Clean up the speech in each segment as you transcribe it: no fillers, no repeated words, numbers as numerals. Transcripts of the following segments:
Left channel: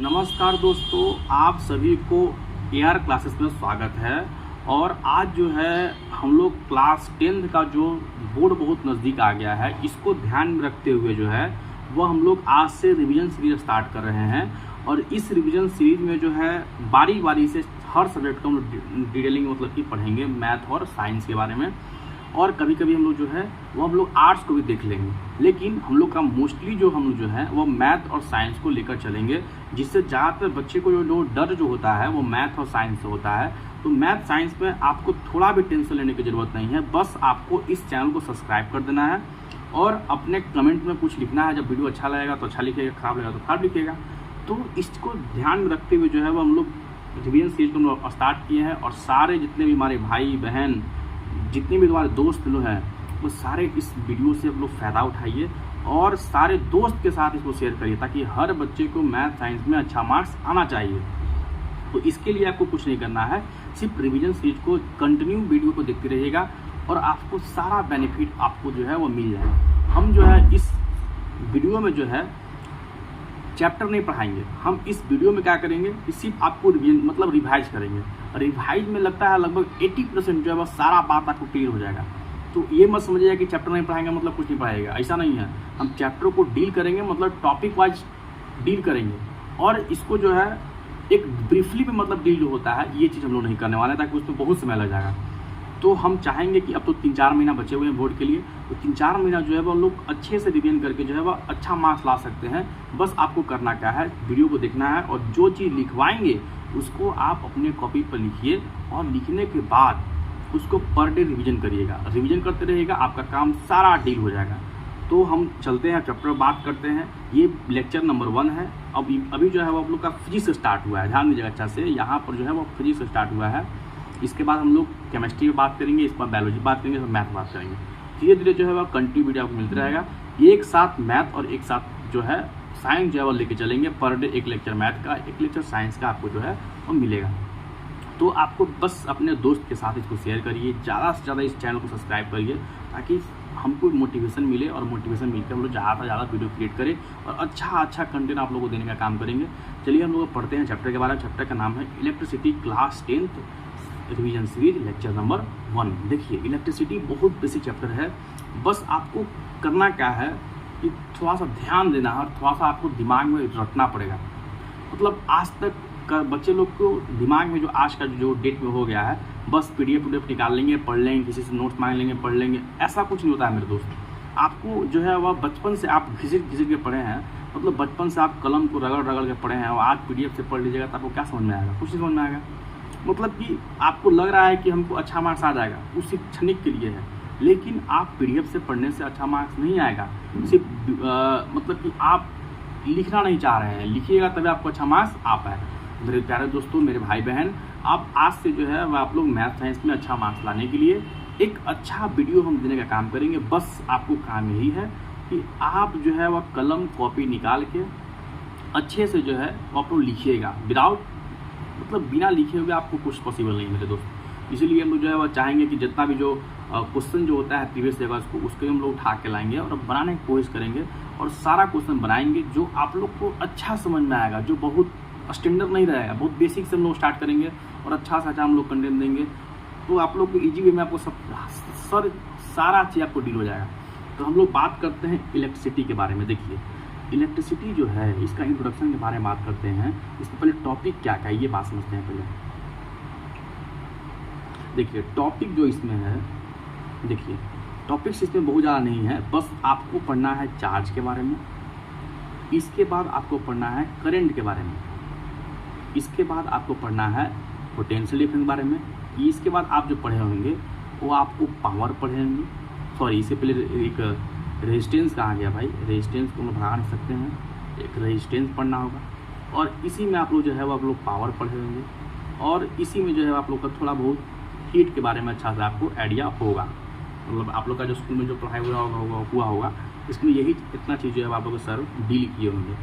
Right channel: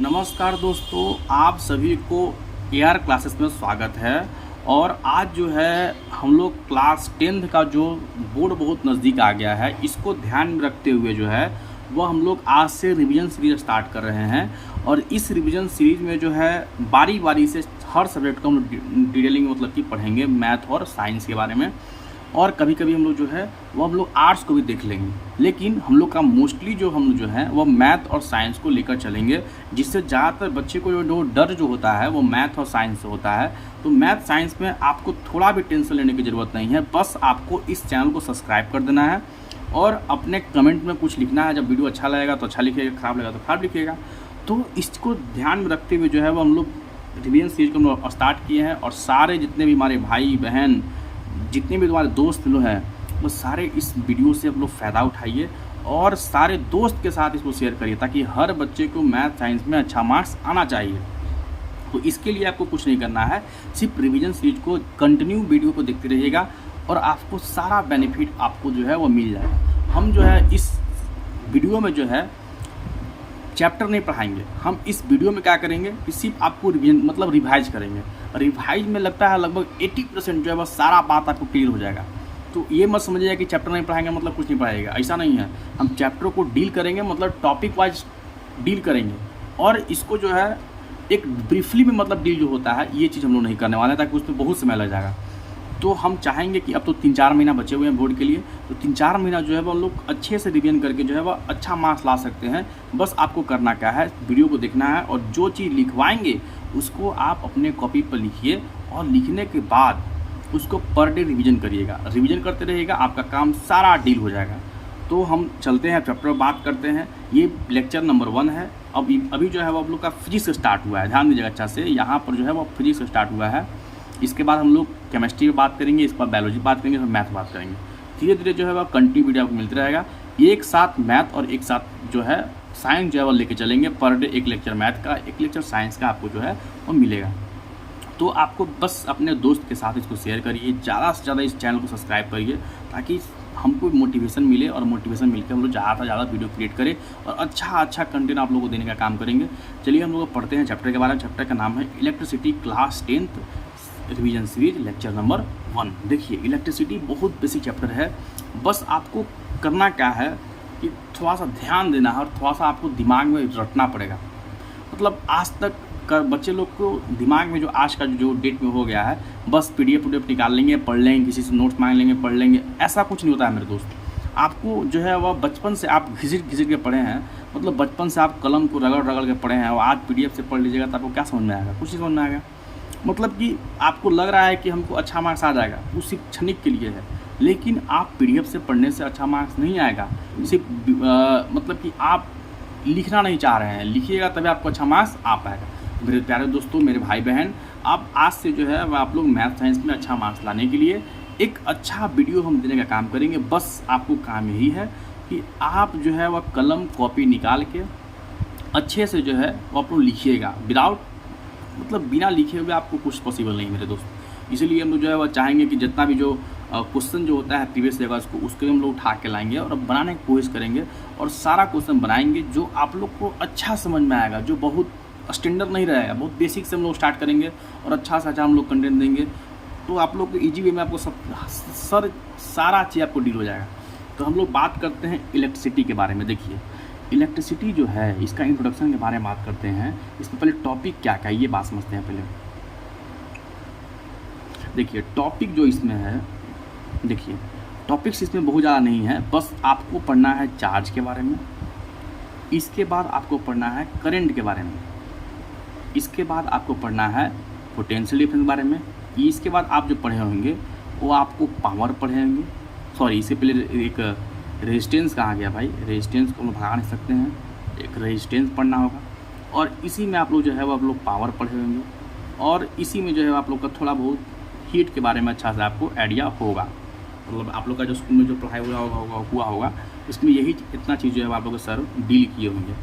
नमस्कार दोस्तों, आप सभी को एआर क्लासेस में स्वागत है। और आज जो है हम लोग क्लास 10th का जो बोर्ड बहुत नज़दीक आ गया है, इसको ध्यान में रखते हुए जो है वो हम लोग आज से रिवीजन सीरीज स्टार्ट कर रहे हैं। और इस रिवीजन सीरीज में जो है बारी बारी से हर सब्जेक्ट को हम लोग डिटेलिंग मतलब कि पढ़ेंगे, मैथ और साइंस के बारे में। और कभी कभी हम लोग जो है वो हम लोग आर्ट्स को भी देख लेंगे, लेकिन हम लोग का मोस्टली जो हम लोग जो है वो मैथ और साइंस को लेकर चलेंगे, जिससे ज़्यादातर बच्चे को जो डर जो होता है वो मैथ और साइंस से होता है। तो मैथ साइंस में आपको थोड़ा भी टेंशन लेने की ज़रूरत नहीं है, बस आपको इस चैनल को सब्सक्राइब कर देना है और अपने कमेंट में कुछ लिखना है। जब वीडियो अच्छा लगेगा तो अच्छा लिखिएगा, खराब लगेगा तो खराब लिखिएगा। तो इसको ध्यान में रखते हुए जो है वो हम लोग रिवीजन सीरीज को हम स्टार्ट किए हैं। और सारे जितने भी हमारे भाई बहन, जितने भी तुम्हारे दोस्त लोग हैं, वो सारे इस वीडियो से आप लोग फ़ायदा उठाइए और सारे दोस्त के साथ इसको शेयर करिए, ताकि हर बच्चे को मैथ साइंस में अच्छा मार्क्स आना चाहिए। तो इसके लिए आपको कुछ नहीं करना है, सिर्फ रिवीजन सीरीज को कंटिन्यू वीडियो को देखते रहिएगा और आपको सारा बेनिफिट आपको जो है वो मिल जाएगा। हम जो है इस वीडियो में जो है चैप्टर नहीं पढ़ाएंगे, हम इस वीडियो में क्या करेंगे कि सिर्फ आपको रिवीजन मतलब रिवाइज करेंगे। रिवाइज में लगता है लगभग 80% जो है वह सारा बात आपको क्लियर हो जाएगा। तो ये मत समझिएगा कि चैप्टर नहीं पढ़ाएंगे मतलब कुछ नहीं पढ़ाएगा, ऐसा नहीं है। हम चैप्टर को डील करेंगे, मतलब टॉपिक वाइज डील करेंगे। और इसको जो है एक ब्रीफली में मतलब डील जो होता है, ये चीज़ हम लोग नहीं करने वाले, ताकि उस पर बहुत समय लग जाएगा। तो हम चाहेंगे कि अब तो 3-4 महीना बचे हुए हैं बोर्ड के लिए, तो 3-4 महीना जो है वो लोग अच्छे से रिवीजन करके जो है वो अच्छा मार्क्स ला सकते हैं। बस आपको करना क्या है, वीडियो को देखना है और जो चीज़ लिखवाएंगे उसको आप अपने कॉपी पर लिखिए और लिखने के बाद उसको पर डे रिवीजन करिएगा। रिवीजन करते रहिएगा, आपका काम सारा डील हो जाएगा। तो हम चलते हैं चैप्टर बात करते हैं। ये लेक्चर नंबर 1 है। अभी जो है वो आप लोग का फिजिक्स स्टार्ट हुआ है, ध्यान दीजिएगा अच्छा से। यहाँ पर जो है वो फिजिक्स स्टार्ट हुआ है। इसके बाद हम लोग केमिस्ट्री में बात करेंगे, इस पर बायोलॉजी बात करेंगे, फिर मैथ बात करेंगे। धीरे धीरे जो है वह कंटिन्यू वीडियो आपको मिलता रहेगा। एक साथ मैथ और एक साथ जो है साइंस जो है वो लेके चलेंगे। पर डे एक लेक्चर मैथ का, एक लेक्चर साइंस का आपको जो है वो मिलेगा। तो आपको बस अपने दोस्त के साथ इसको शेयर करिए, ज़्यादा से ज़्यादा इस चैनल को सब्सक्राइब करिए, ताकि हमको मोटिवेशन मिले और मोटिवेशन मिलकर हम लोग ज़्यादा से ज़्यादा वीडियो क्रिएट करें और अच्छा कंटेंट आप लोगों को देने का काम करेंगे। चलिए हम लोग पढ़ते हैं चैप्टर के बारे में। चैप्टर का नाम है electricity, class 10th revision series, lecture number 1। देखिए, इलेक्ट्रिसिटी बहुत बेसिक चैप्टर है। बस आपको करना क्या है कि थोड़ा सा ध्यान देना है और थोड़ा सा आपको दिमाग में रटना पड़ेगा। मतलब आज तक का बच्चे लोग को दिमाग में जो आज का जो डेट में हो गया है, बस PDF निकाल लेंगे, पढ़ लेंगे, किसी से नोट्स मांग लेंगे, पढ़ लेंगे, ऐसा कुछ नहीं होता है मेरे दोस्त। आपको जो है वह बचपन से आप घिसिट के पढ़े हैं, मतलब बचपन से आप कलम को रगड़ के पढ़े हैं, और आज PDF से पढ़ लीजिएगा तो आपको क्या समझ में आएगा? कुछ नहीं समझ में आएगा। मतलब कि आपको लग रहा है कि हमको अच्छा मार्क्स आ जाएगा, वो सिर्फ क्षणिक के लिए है। लेकिन आप PDF से पढ़ने से अच्छा मार्क्स नहीं आएगा। सिर्फ मतलब कि आप लिखना नहीं चाह रहे हैं, लिखिएगा तभी आपको अच्छा मार्क्स आ पाएगा। मेरे प्यारे दोस्तों, मेरे भाई बहन, आप आज से जो है वह आप लोग मैथ साइंस में अच्छा मार्क्स लाने के लिए एक अच्छा वीडियो हम देने का काम करेंगे। बस आपको काम यही है कि आप जो है वह कलम कॉपी निकाल के अच्छे से जो है वो आप लोग लिखिएगा। बिना लिखे हुए आपको कुछ पॉसिबल नहीं मेरे दोस्त। इसीलिए हम लोग जो है वह चाहेंगे कि जितना भी जो क्वेश्चन जो होता है प्रीवियस ईयर का, उसको हम लोग उठा के लाएंगे और बनाने की कोशिश करेंगे। और सारा क्वेश्चन बनाएंगे जो आप लोग को अच्छा समझ में आएगा, जो बहुत स्टैंडर्ड नहीं रहेगा। बहुत बेसिक से हम लोग स्टार्ट करेंगे और अच्छा से अच्छा हम लोग कंटेंट देंगे, तो आप लोग को ईजी वे में आपको सारा चीज़ आपको डील हो जाएगा। तो हम लोग बात करते हैं इलेक्ट्रिसिटी के बारे में। देखिए, इलेक्ट्रिसिटी जो है इसका इंट्रोडक्शन के बारे में बात करते हैं। इसमें पहले टॉपिक क्या क्या है ये बात समझते हैं पहले। देखिए, टॉपिक जो इसमें है, देखिए टॉपिक्स इसमें बहुत ज़्यादा नहीं है। बस आपको पढ़ना है चार्ज के बारे में, इसके बाद आपको पढ़ना है करंट के बारे में, इसके बाद आपको पढ़ना है पोटेंशियल डिफरेंस के बारे में, इसके बाद आप जो पढ़े होंगे वो आपको पावर पढ़े होंगे। सॉरी, इससे पहले एक रेजिस्टेंस कहाँ गया भाई, रेजिस्टेंस को भगा नहीं सकते हैं, एक रेजिस्टेंस पढ़ना होगा। और इसी में आप लोग जो है वो आप लोग पावर पढ़े होंगे, और इसी में जो है आप लोग का थोड़ा बहुत हीट के बारे में अच्छा से आपको आइडिया होगा। मतलब आप लोग का जो स्कूल में जो पढ़ाई हुआ होगा इसमें यही इतना चीज़ जो है आप लोग सर डील किए होंगे।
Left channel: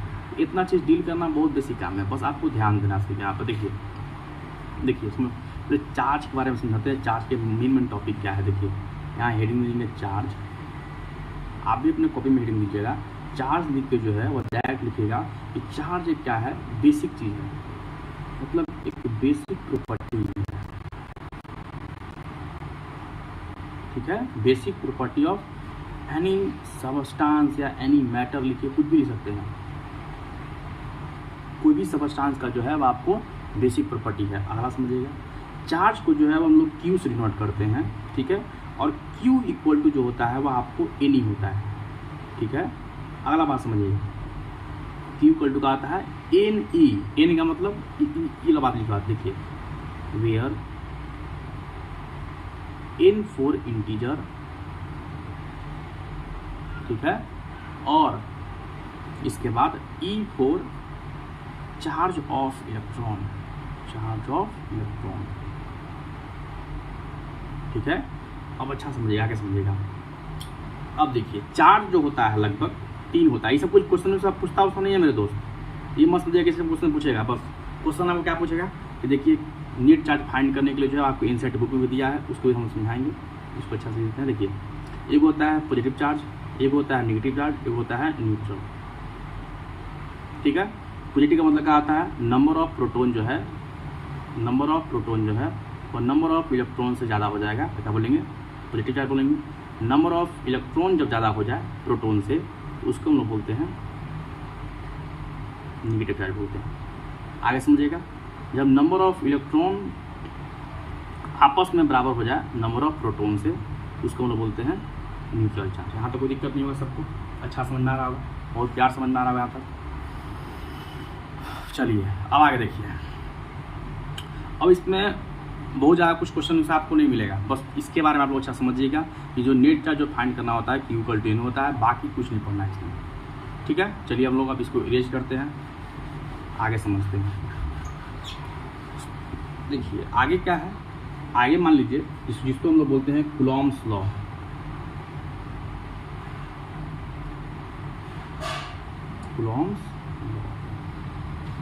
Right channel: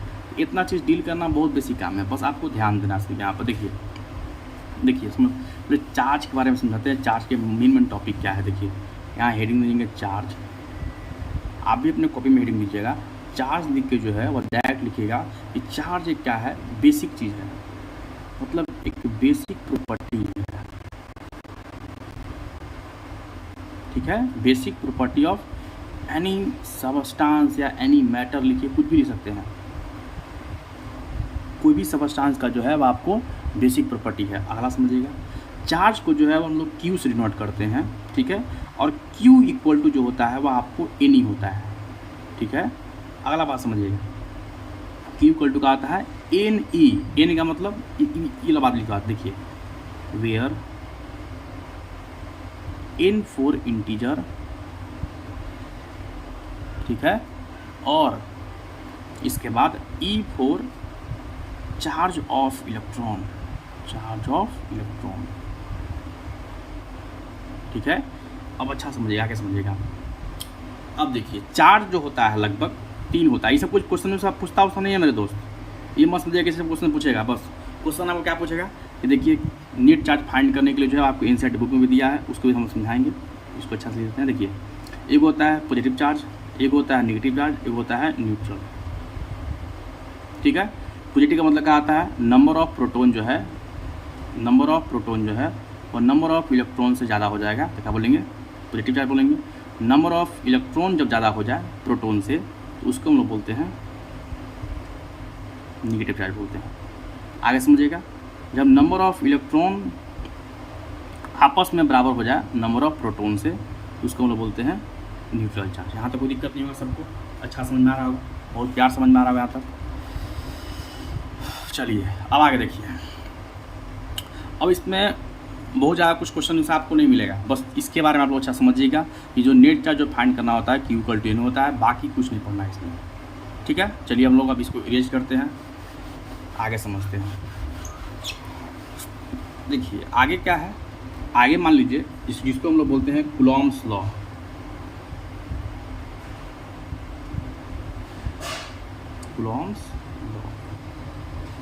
इतना चीज़ डील करना बहुत बेसिक काम है, बस आपको ध्यान देना इसके यहाँ पर। देखिए इसमें चार्ज के बारे में समझाते हैं। चार्ज के मेन टॉपिक क्या है, देखिए यहाँ हेडिंग देंगे चार्ज। आप भी अपने कॉपी में हेडिंग दीजिएगा चार्ज लिख के जो है वो डायरेक्ट लिखेगा कि चार्ज एक क्या है, बेसिक चीज़ है, मतलब एक बेसिक प्रॉपर्टी है, ठीक है। Basic property of any substance या एनी मैटर लिखिए, कुछ भी लिख सकते हैं, कोई भी सबस्टांस का जो है वो आपको बेसिक प्रॉपर्टी है। अगला समझिएगा, चार्ज को जो है वो हम लोग क्यू से डिनोट करते हैं, ठीक है, और क्यू इक्वल टू जो होता है वो आपको एन ही होता है, ठीक है। अगला बात समझिएगा, क्यू इक्वल टू का आता है एन ई, एन का मतलब ये बात लिखा, देखिए वेयर एन फॉर इंटीजर, ठीक है, और इसके बाद E for charge of electron, charge of electron, ठीक है। अब अच्छा समझिएगा, आगे समझिएगा। अब देखिए चार्ज जो होता है लगभग 3 होता है, ये सब कुछ क्वेश्चन में सब पूछता नहीं है मेरे दोस्त, ये मत समझिएगा कि सिर्फ क्वेश्चन पूछेगा, बस क्वेश्चन आपको क्या पूछेगा कि देखिए नेट चार्ज फाइंड करने के लिए जो है आपको इनसेट बुक में भी दिया है, उसको भी हम समझाएंगे, इसको अच्छा से देखते हैं। देखिए एक होता है पॉजिटिव चार्ज, एक होता है नेगेटिव चार्ज, एक होता है न्यूट्रल, ठीक है। पॉजिटिव का मतलब क्या आता है, नंबर ऑफ प्रोटॉन जो है, नंबर ऑफ प्रोटॉन जो है और नंबर ऑफ इलेक्ट्रॉन से ज़्यादा हो जाएगा, तो क्या बोलेंगे, पॉजिटिव चार्ज बोलेंगे। नंबर ऑफ इलेक्ट्रॉन जब ज़्यादा हो जाए प्रोटॉन से तो उसको हम लोग बोलते हैं नेगेटिव चार्ज बोलते हैं। आगे समझिएगा, जब नंबर ऑफ इलेक्ट्रॉन आपस में बराबर हो जाए नंबर ऑफ प्रोटॉन से तो उसको हम लोग बोलते हैं न्यूट्रल चार्ज। यहाँ तक कोई दिक्कत नहीं होगा, सबको अच्छा समझ में आ रहा होगा, बहुत प्यार समझ में आ रहा होगा यहाँ तक। चलिए अब आगे देखिए, अब इसमें बहुत ज़्यादा कुछ क्वेश्चन से आपको नहीं मिलेगा, बस इसके बारे में आप लोग अच्छा समझिएगा कि जो नेट चार्ज जो फाइंड करना होता है क्यू इक्वल टू एन होता है, बाकी कुछ नहीं पढ़ना है इसमें, ठीक है। चलिए हम लोग अब इसको इरेज करते हैं, आगे समझते हैं। देखिए आगे क्या है, आगे मान लीजिए जिसको हम लोग बोलते हैं कूलॉम्स लॉ, कूलॉम्स,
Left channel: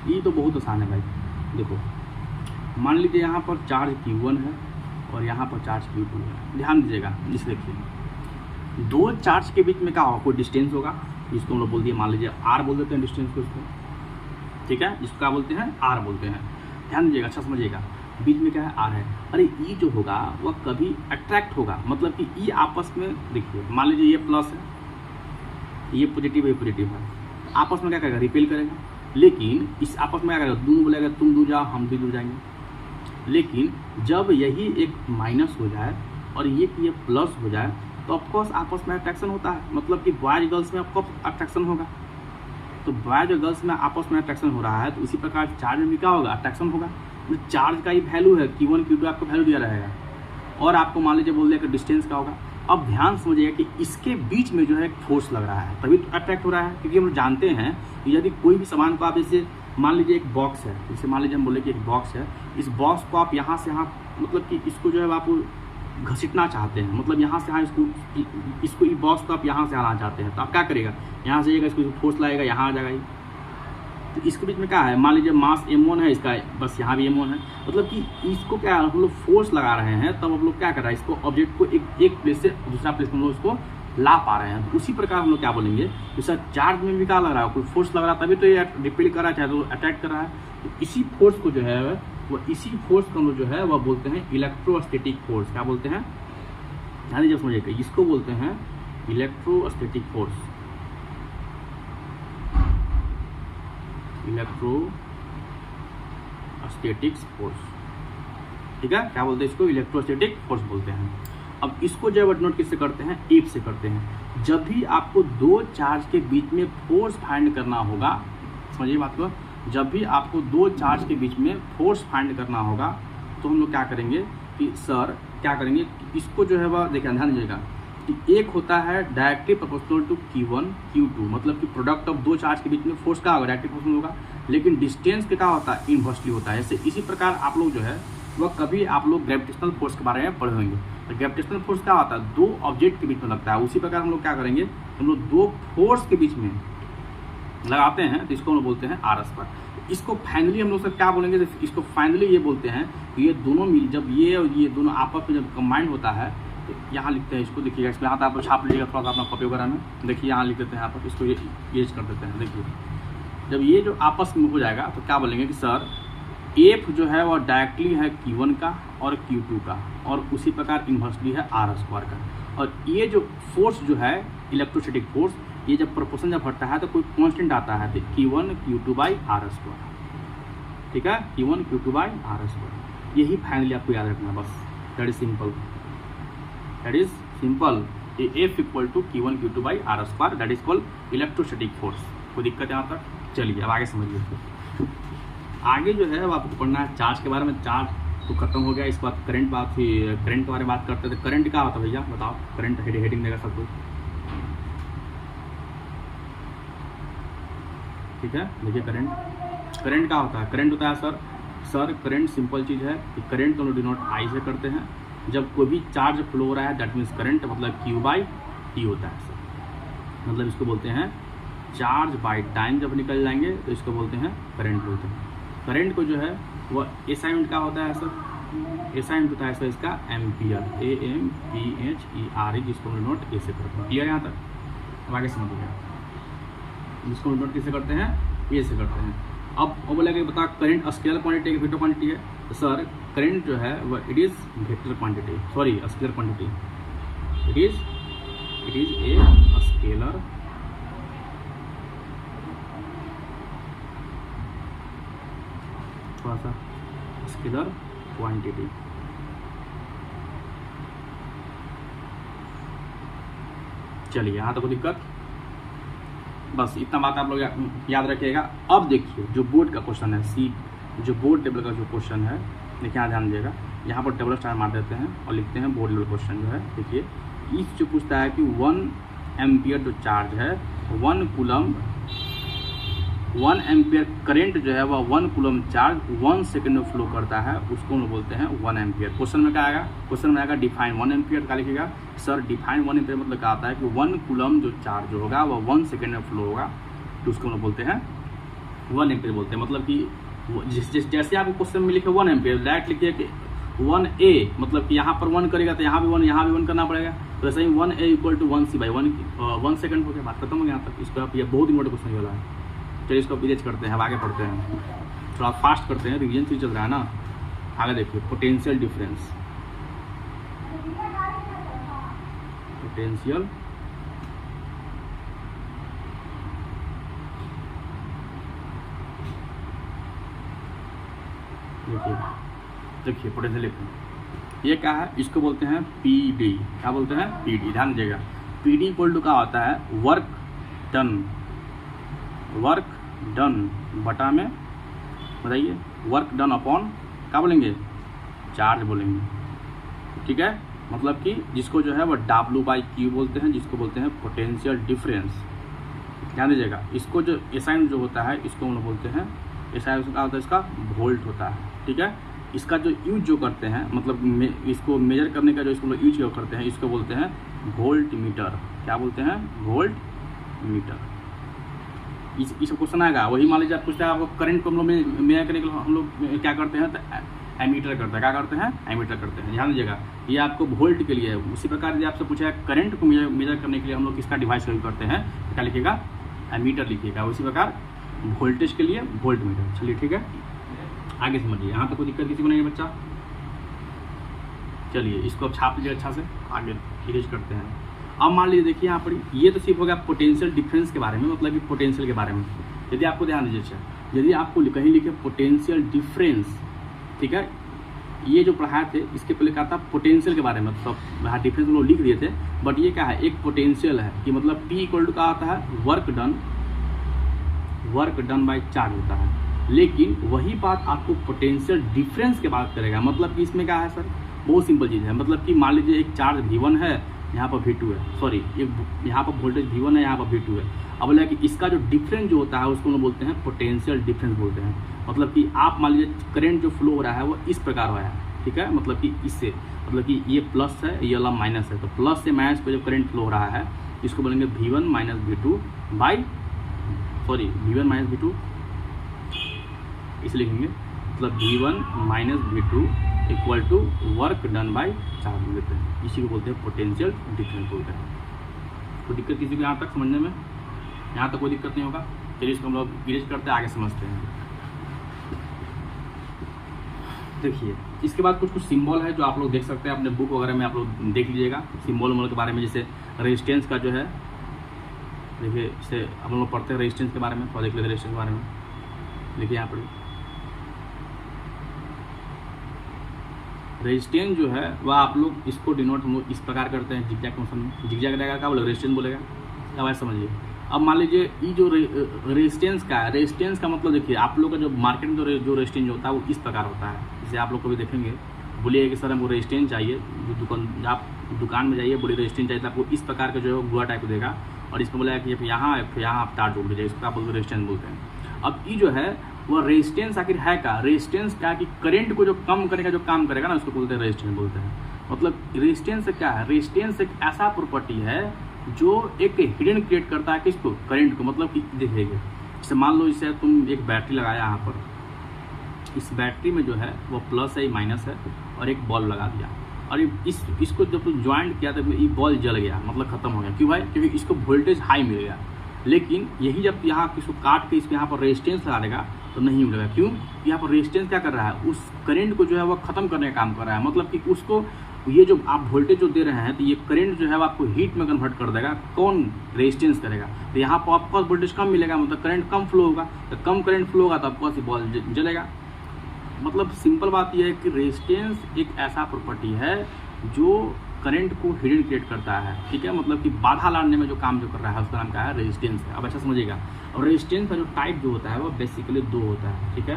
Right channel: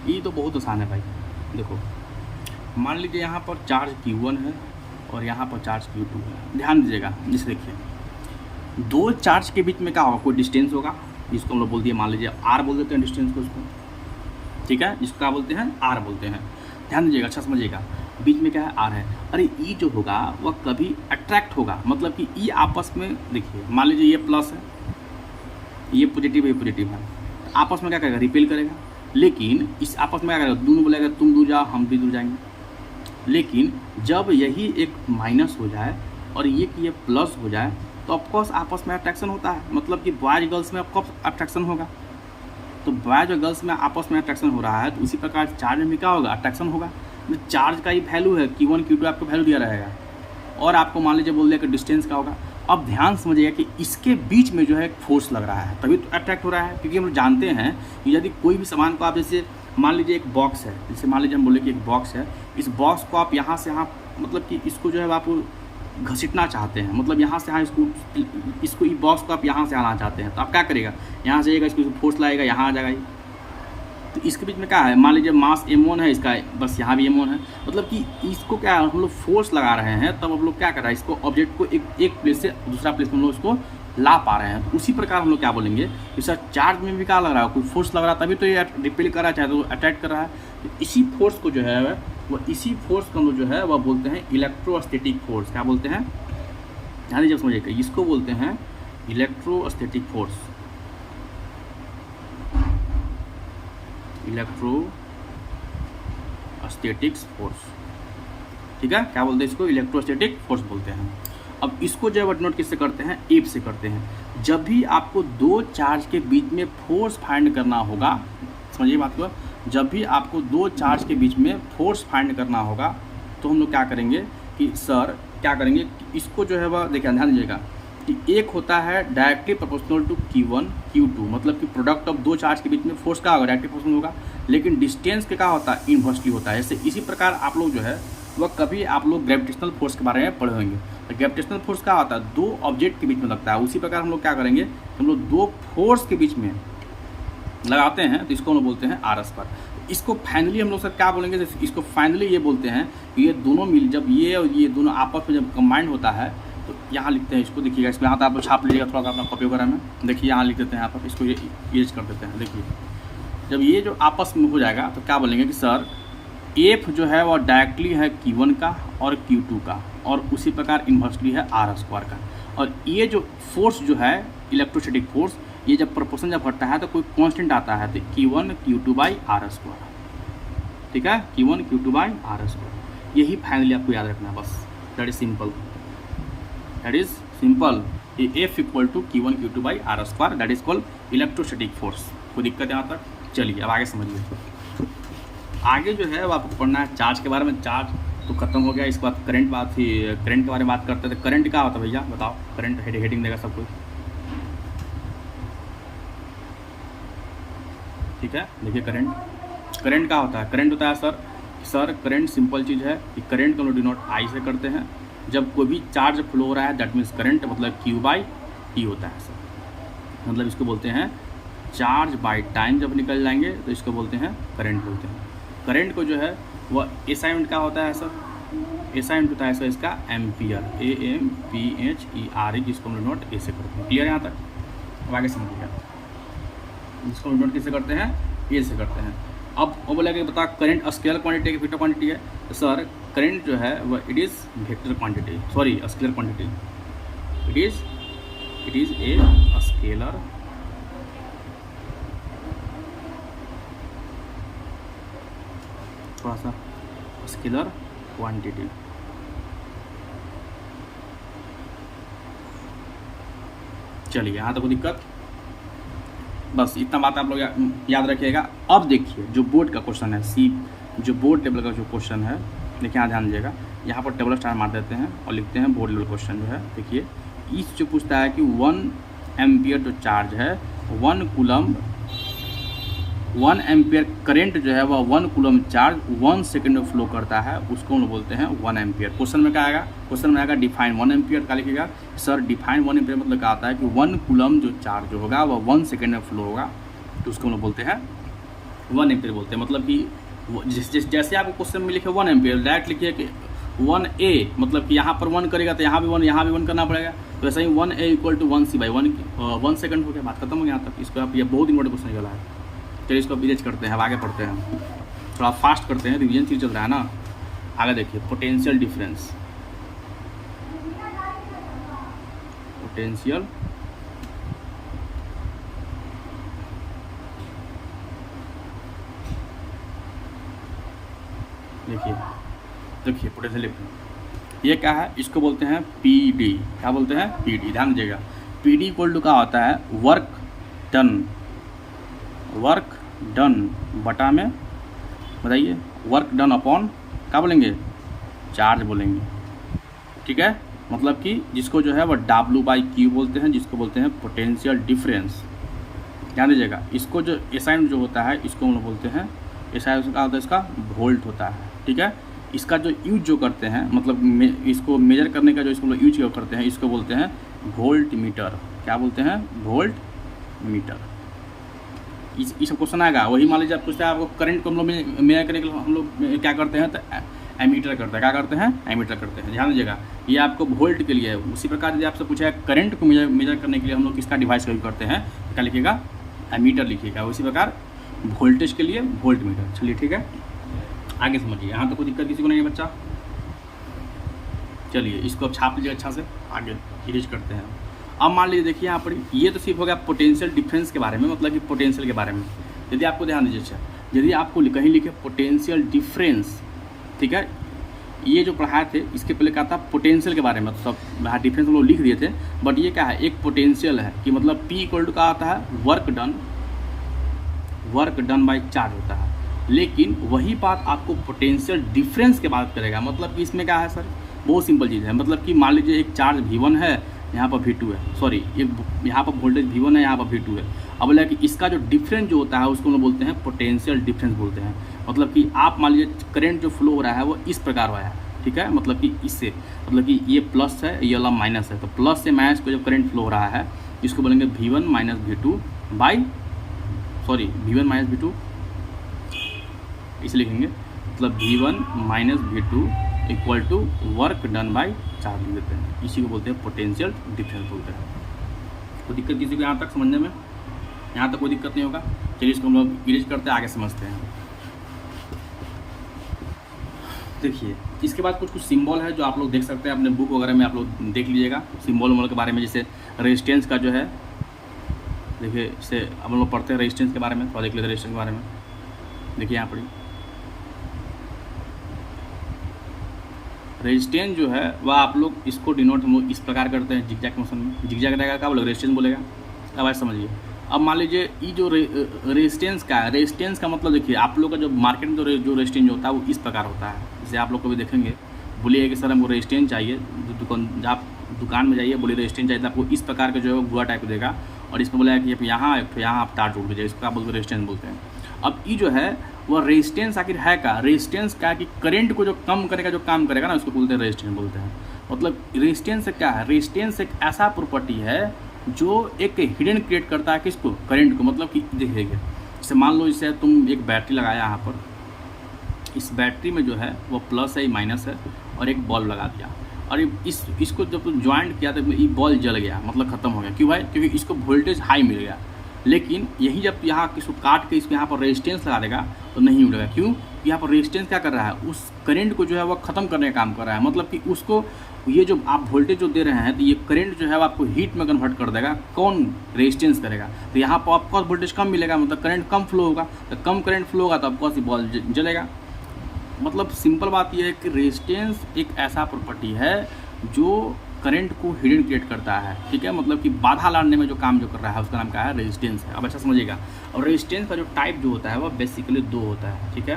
ये तो बहुत आसान है भाई। देखो मान लीजिए यहाँ पर चार्ज Q1 है और यहाँ पर चार्ज Q2 है, ध्यान दीजिएगा। जैसे देखिए दो चार्ज के बीच में क्या होगा, कोई डिस्टेंस होगा, इसको हम लोग बोल दिए, मान लीजिए R बोल देते हैं डिस्टेंस को उसको, ठीक है, इसको क्या बोलते हैं, R बोलते हैं। ध्यान दीजिएगा, अच्छा समझिएगा, बीच में क्या है, R है। अरे E जो होगा वह कभी अट्रैक्ट होगा, मतलब कि E आपस में, देखिए मान लीजिए ये प्लस है, ये पॉजिटिव, ये पॉजिटिव है, आपस में क्या करेगा, रिपेल करेगा। लेकिन इस आपस में क्या करेगा, दोनों बोलेगा तुम दूर जाओ हम भी दूर जाएंगे। लेकिन जब यही एक माइनस हो जाए और ये प्लस हो जाए तो ऑफकोर्स आपस में अट्रैक्शन होता है, मतलब कि बॉयज गर्ल्स में ऑफकोर्स अट्रैक्शन होगा। तो बॉयज और गर्ल्स में आपस में अट्रैक्शन हो रहा है, तो उसी प्रकार चार्ज में भी क्या होगा, अट्रैक्शन होगा। तो चार्ज का ही वैल्यू है Q1 Q2 आपको वैल्यू दिया रहेगा, और आपको मान लीजिए बोल दिया कि डिस्टेंस का होगा। अब ध्यान समझिएगा कि इसके बीच में जो है फोर्स लग रहा है, तभी तो अट्रैक्ट हो रहा है। क्योंकि हम जानते हैं कि यदि कोई भी सामान को आप जैसे मान लीजिए एक बॉक्स है, जैसे मान लीजिए हम बोले कि एक बॉक्स है, इस बॉक्स को आप यहाँ से यहाँ, मतलब कि इसको जो है आप घसीटना चाहते हैं, मतलब यहाँ से यहाँ इसको इस बॉक्स को आप यहाँ से आना चाहते हैं, तो आप क्या करेगा, यहाँ से जाएगा, इसको फोर्स लाएगा, यहाँ आ जाएगा। तो इसके बीच में क्या है, मान लीजिए मास m1 है इसका, बस यहाँ भी m1 है, मतलब कि इसको क्या हम लोग फोर्स लगा रहे हैं, तब हम लोग क्या कर रहे हैं, इसको ऑब्जेक्ट को एक प्लेस से दूसरा प्लेस में हम लोग उसको ला पा रहे हैं। उसी प्रकार हम लोग क्या बोलेंगे, जैसा चार्ज में भी क्या लग रहा है, कोई फोर्स लग रहा है, तभी तो ये रिपेल कर रहा है, चाहे तो अट्रैक्ट कर रहा है। तो इसी फोर्स को जो है वो, इसी फोर्स को जो है वह बोलते हैं इलेक्ट्रोस्टैटिक फोर्स। क्या बोलते हैं, ध्यान दीजिए समझिएगा, इसको बोलते हैं इलेक्ट्रोस्टैटिक फोर्स, इलेक्ट्रोस्टैटिक फोर्स, ठीक है। क्या बोलते हैं इसको, इलेक्ट्रोस्टैटिक फोर्स बोलते हैं। अब इसको जो है नोट किससे करते हैं, एफ से करते हैं। जब भी आपको दो चार्ज के बीच में फोर्स फाइंड करना होगा, समझिए बात को, जब भी आपको दो चार्ज के बीच में फोर्स फाइंड करना होगा तो हम लोग क्या करेंगे कि सर क्या करेंगे, इसको जो है वह देखिए ध्यान दीजिएगा कि एक होता है directly proportional to Q1 Q2, मतलब कि प्रोडक्ट ऑफ दो चार्ज के बीच में फोर्स क्या होगा, डायरेक्टली प्रोपोर्शनल होगा। लेकिन डिस्टेंस के क्या होता है, इनवर्सली होता है। जैसे इसी प्रकार आप लोग जो है वह कभी आप लोग ग्रेविटेशनल फोर्स के बारे में पढ़े होंगे, तो ग्रेविटेशनल फोर्स क्या होता है, दो ऑब्जेक्ट के बीच में लगता है। उसी प्रकार हम लोग क्या करेंगे, हम लोग दो फोर्स के बीच में लगाते हैं, तो इसको हम लोग बोलते हैं RS पर। इसको फाइनली हम लोग सर क्या बोलेंगे, इसको फाइनली ये बोलते हैं कि ये दोनों मिल, जब ये और ये दोनों आपस में जब कंबाइंड होता है तो यहाँ लिखते हैं इसको, देखिएगा इसमें यहाँ तो आप छाप लीजिएगा थोड़ा सा अपना कॉपी वगैरह में। देखिए यहाँ लिख देते हैं, यहाँ पर इसको इरेज कर देते हैं। देखिए जब ये जो आपस में हो जाएगा तो क्या बोलेंगे कि सर एफ जो है वह डायरेक्टली है Q1 का और Q2 का, और उसी प्रकार इन्वर्सली है R स्क्वायर का। और ये जो फोर्स जो है इलेक्ट्रोस्टैटिक फोर्स, ये जब प्रोपोर्शन जब हटता है तो कोई कांस्टेंट आता है, तो Q1 Q2 by R square. ठीक है, Q1 Q2 by R square. यही फाइनली आपको याद रखना है बस। That is simple, that is simple. F equal to Q1 Q2 by R square, that is called electrostatic force. कोई दिक्कत है यहाँ तक? चलिए अब आगे समझिए। आगे जो है वो आपको पढ़ना है चार्ज के बारे में। चार्ज तो खत्म हो गया, इसके बाद करंट बात थी, करंट के बारे में बात करते थे। करंट क्या होता है भैया बताओ? करंट हेडिंग देगा सबको, ठीक है। देखिए करंट क्या होता है? करंट होता है सर करंट सिंपल चीज़ है कि करंट को डिनोट आई से करते हैं। जब कोई भी चार्ज फ्लो हो रहा है दैट मीन्स करंट मतलब Q बाई टी होता है सर। मतलब इसको बोलते हैं चार्ज बाई टाइम। जब निकल जाएंगे तो इसको बोलते हैं करंट बोलते हैं। करंट को जो है वह एसआई यूनिट का होता है सर। एसआई यूनिट होता है सर इसका एम्पियर, AMPHERE, जिसको नोट ए से करते हैं। क्लियर यहाँ तक? अब आगे समझिएगा, जिसको नोट कैसे करते हैं? ए से करते हैं। अब वो बोलेगा बता करंट स्केलर क्वांटिटी है कि वेक्टर क्वांटिटी है? तो सर करंट जो है वह it is vector quantity, sorry scalar quantity. It is a scalar थोड़ा सा स्केलर क्वांटिटी। चलिए यहाँ तक कोई दिक्कत? बस इतना बात आप लोग याद रखिएगा। अब देखिए जो बोर्ड का क्वेश्चन है, जो बोर्ड टेबल का जो क्वेश्चन है, देखिए यहाँ ध्यान दीजिएगा। यहाँ पर टेबल स्टार मार देते हैं और लिखते हैं बोर्ड लेवल क्वेश्चन जो है। देखिए इस जो पूछता है कि 1 एम्पियर जो चार्ज है 1 कूलम, 1 एम्पियर करंट जो है वह 1 कूलम चार्ज 1 सेकंड में फ्लो करता है, उसको हम बोलते हैं 1 एम्पियर। क्वेश्चन में क्या आएगा? क्वेश्चन में आएगा डिफाइन 1 एम्पियर। क्या लिखिएगा सर? डिफाइन 1 एम्पियर मतलब क्या आता है कि 1 कूलम जो चार्ज होगा वह 1 सेकंड में फ्लो होगा, तो उसको हम बोलते हैं 1 एम्पियर बोलते हैं। मतलब कि जैसे आपको क्वेश्चन में लिखे 1 एम्पियर, डायरेक्ट लिखिए कि 1A, मतलब कि यहाँ पर 1 करेगा तो यहाँ भी 1, यहाँ भी 1 करना पड़ेगा। तो ऐसा ही 1A equal to 1C by 1 second हो गया, बात खत्म हो गया यहाँ तक। इसको आप ये बहुत इंपॉर्टेंट क्वेश्चन निकला है। चलिए इसको विलेज करते हैं, अब आगे पढ़ते हैं, थोड़ा फास्ट करते हैं, रिवीजन चीज चल रहा है ना। आगे देखिए पोटेंशियल डिफरेंस, पोटेंशियल देखिए पोटेंशियल डिफरेंस ये क्या है? इसको बोलते हैं PD। क्या बोलते हैं? PD। ध्यान दीजिएगा PD इक्वल टू क्या होता है? वर्क डन बटा में, बताइए, वर्क डन अपॉन क्या बोलेंगे? चार्ज बोलेंगे, ठीक है। मतलब कि जिसको जो है वह W/Q बोलते हैं, जिसको बोलते हैं पोटेंशियल डिफरेंस। ध्यान दीजिएगा इसको जो एसआई जो होता है इसको हम लोग बोलते हैं, एसआई का होता है इसका वोल्ट होता है, ठीक है। इसका जो यूज जो करते हैं, मतलब इसको मेजर करने का जो इसको यूज जो करते हैं, इसको बोलते हैं वोल्ट मीटर। क्या बोलते हैं? Volt meter. इस क्वेश्चन आएगा वही, मान लीजिए आप पूछते हैं आपको करंट को हम लोग मेजर करने के लिए हम लोग क्या करते हैं? तो एमीटर करते हैं। क्या करते हैं? एमीटर करते हैं। ध्यान दीजिएगा ये आपको वोल्ट के लिए है। उसी प्रकार यदि आपसे पूछा है करंट को मेजर करने के लिए हम लोग किसका डिवाइस का यूज करते हैं? क्या लिखिएगा? एमीटर लिखिएगा। उसी प्रकार वोल्टेज के लिए वोल्ट मीटर। चलिए ठीक है, आगे समझिए। यहाँ तो कोई दिक्कत किसी को नहीं है बच्चा? चलिए इसको अब छाप लीजिए अच्छा से, आगे इरेज करते हैं। अब मान लीजिए देखिए यहाँ पर ये तो सिर्फ हो गया पोटेंशियल डिफरेंस के बारे में, मतलब कि पोटेंशियल के बारे में। यदि आपको ध्यान दीजिए, अच्छा यदि आपको कहीं लिखे पोटेंशियल डिफरेंस, ठीक है, ये जो पढ़ाए थे इसके पहले क्या था? पोटेंशियल के बारे में। मतलब यहाँ डिफरेंस लोग लिख दिए थे, बट ये क्या है? एक पोटेंशियल है कि मतलब P इक्वल टू क्या आता है? वर्क डन बाई चार्ज होता है। लेकिन वही बात आपको पोटेंशियल डिफरेंस के बात करेगा। मतलब कि इसमें क्या है सर? बहुत सिंपल चीज़ है। मतलब कि मान लीजिए एक चार्ज V1 है, यहाँ पर V2 है, सॉरी यहाँ पर वोल्टेज V1 है, यहाँ पर V2 है। अब बोला कि इसका जो डिफरेंस जो होता है उसको हम बोलते हैं पोटेंशियल डिफरेंस बोलते हैं। मतलब कि आप मान लीजिए करंट जो फ्लो हो रहा है वो इस प्रकार हो रहा है, ठीक है। मतलब कि इससे, मतलब कि ये प्लस है, ये वाला माइनस है, तो प्लस से माइनस पर जो करंट फ्लो हो रहा है इसको बोलेंगे V1 minus V2 by, sorry V1 minus V2 इसे लिखेंगे। मतलब V1 minus V2 equal to work done by charge लिख देते हैं। इसी को बोलते हैं पोटेंशियल डिफरेंस बोलते हैं। कोई दिक्कत किसी को यहाँ तक समझने में? यहाँ तक कोई दिक्कत नहीं होगा। चलिए इसको हम लोग इरेज करते हैं, आगे समझते हैं। देखिए इसके बाद कुछ सिंबल है जो आप लोग देख सकते हैं अपने बुक वगैरह में, आप लोग देख लीजिएगा सिंबल के बारे में। जैसे रेजिस्टेंस का जो है, देखिए इसे हम लोग पढ़ते हैं रेजिस्टेंस के बारे में, तो देख लेते हैं रेजिस्टेंस के बारे में। देखिए यहाँ पर रेजिस्टेंस जो है वह आप लोग इसको डिनोट हम लोग इस प्रकार करते हैं जिगजैग मोशन में। जिगजैग रहेगा क्या बोलेगा? रेजिस्टेंस बोलेगा। अब ऐसे समझिए। अब मान लीजिए ये जो रेजिस्टेंस का है, रेजिस्टेंस का मतलब देखिए आप लोग का जो मार्केट में जो रेजिस्टेंस होता है वो इस प्रकार होता है। जैसे आप लोग कभी देखेंगे, बोलिए कि सर हमको रेजिस्टेंस चाहिए, आप दुकान में जाइए, बोलिए रेजिस्टेंस चाहिए, तो आपको इस प्रकार का जो है वो गुआ टाइप देगा और इसको बोला कि यहाँ आप तार जोड़ दीजिए, इसको आप बोलते रेजिस्टेंस बोलते हैं। अब ये जो है वह रेजिस्टेंस आखिर है क्या? रेजिस्टेंस क्या कि करंट को जो कम करने का जो काम करेगा ना, उसको बोलते हैं रेजिस्टेंस बोलते हैं। मतलब रेजिस्टेंस क्या है? रेजिस्टेंस एक ऐसा प्रॉपर्टी है जो एक हिडन क्रिएट करता है किसको? करंट को। मतलब कि देखिए जैसे मान लो जैसे तुम एक बैटरी लगाया यहाँ पर, इस बैटरी में जो है वो प्लस है माइनस है और एक बल्ब लगा दिया और इसको जब तुम ज्वाइंट किया तो ये बल्ब जल गया, मतलब खत्म हो गया। क्यों भाई? क्योंकि इसको वोल्टेज हाई मिल गया। लेकिन यही जब यहाँ इसको काट के इसको यहाँ पर रेजिस्टेंस लगा देगा तो नहीं मिलेगा। क्यों? यहाँ पर रेजिस्टेंस क्या कर रहा है? उस करंट को जो है वो खत्म करने का काम कर रहा है। मतलब कि उसको ये जो आप वोल्टेज जो दे रहे हैं तो ये करंट जो है वो आपको हीट में कन्वर्ट कर देगा। कौन? रेजिस्टेंस करेगा। तो यहाँ पर आपको वोल्टेज कम मिलेगा, मतलब करंट कम फ्लो होगा। तो कम करंट फ्लो होगा तो आपको बल्ब जलेगा। मतलब सिंपल बात यह है कि रेजिस्टेंस एक ऐसा प्रॉपर्टी है जो करंट को हिडन क्रिएट करता है। ठीक है, मतलब कि बाधा लाने में जो काम जो कर रहा है उसका नाम क्या है? रेजिस्टेंस है। अब अच्छा समझिएगा। और रेजिस्टेंस का जो टाइप जो होता है वह बेसिकली दो होता है। ठीक है,